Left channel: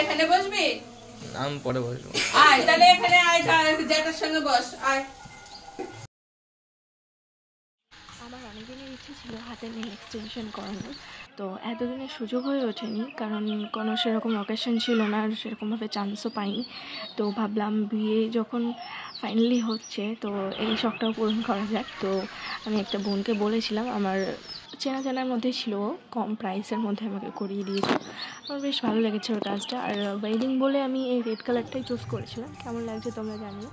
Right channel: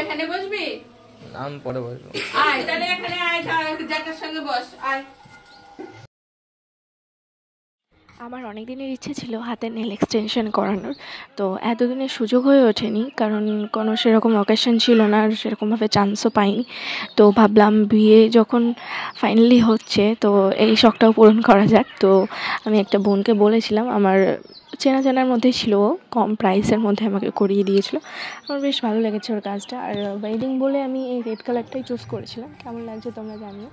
এখানে বসবি? আমি পরে বসবো। আয় তাহলে এখানে আয়, জ্যাঠার সঙ্গে বস, আয়। আমার অনেক দিনের ইচ্ছে ছিল হাতে নেল এক্সটেনশন করানোর, তো এতদিনের সুযোগ হয়ে ওঠেনি, কারণ কোনো সেরকম অকেশন ছিল না আর সেরকমভাবে চান্সও পাইনি। তো ভাবলাম বিয়ে যখন ফাইনালি হচ্ছে তো এই শখটাও পূরণ করা যাক। তো আমি একটা বোনকে বলেছিলাম, আমার চেনা জানার মধ্যেই ছিল, কম প্রাইসের মধ্যে আমাকে করিয়ে দিয়েছিল। আমার বেশ ভালো লেগেছে ওর কাজটা। আর ওয়েডিং বলে আমি এই রেড কালারটাই চুজ করেছিলাম। কেমন লাগছে তোমরা জানিও।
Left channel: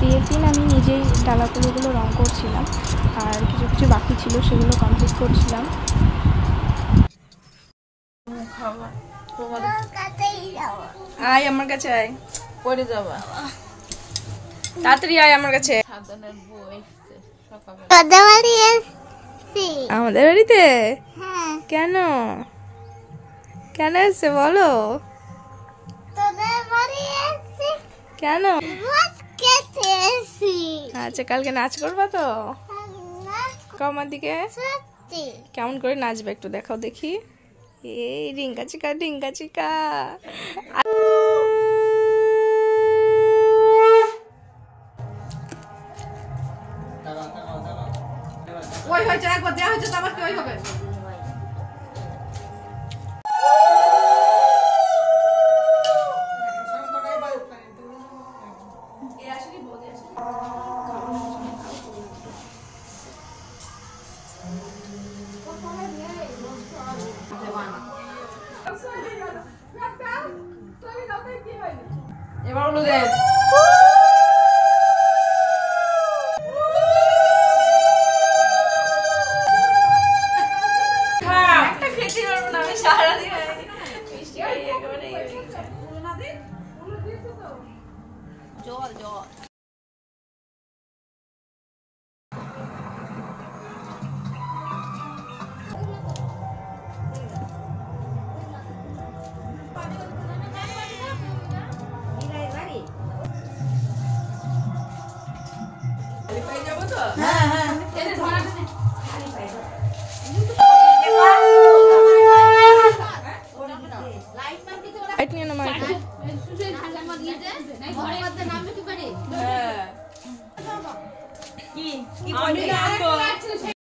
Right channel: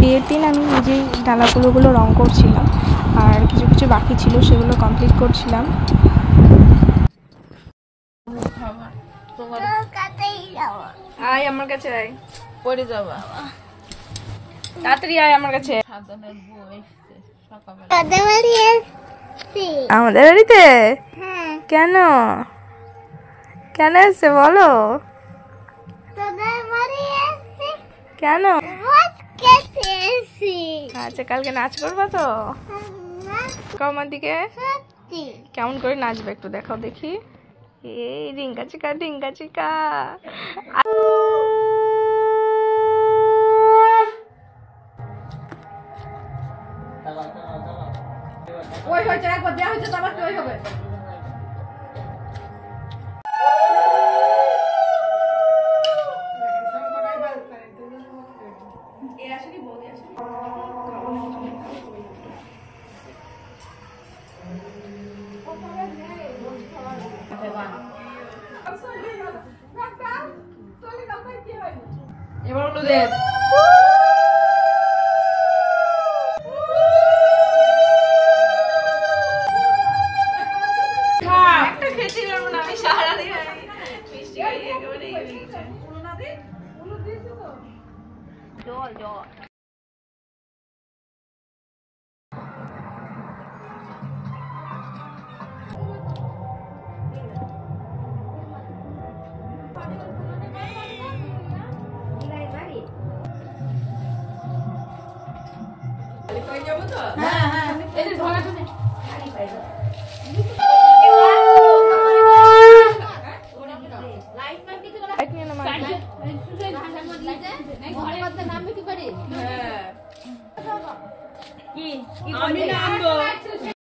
বিয়ের দিন আমি নিজেই ডালাগুলোগুলো রং করছিলাম, আর কিছু কিছু বাকি ছিল সেগুলো কমপ্লিট করছিলাম। আয় আমার কাছে, আয়, পড়ে যাবা, তাড়াতাড়ি আয় আমার কাছে। আমাদের বাড়িতে কেন কেন এসছে বলো? কেন? আচ্ছা, কালকে নাচ করবা তো? আমার দিকে কেমন করে নাচবে একটু দেখাও দেখি। এই রিঙ্কা চিকা রিঙ্কা চিকা। ওই হয়েছে, একবার দেওয়া হয়েছে তো আবার কি ওই হবে? এবার হলো দেখ, একটা খেতে পারবো না আমি সারাদিন, মিষ্টি খাই একেবারে। জল জল যাবো তো। হ্যাঁ হ্যাঁ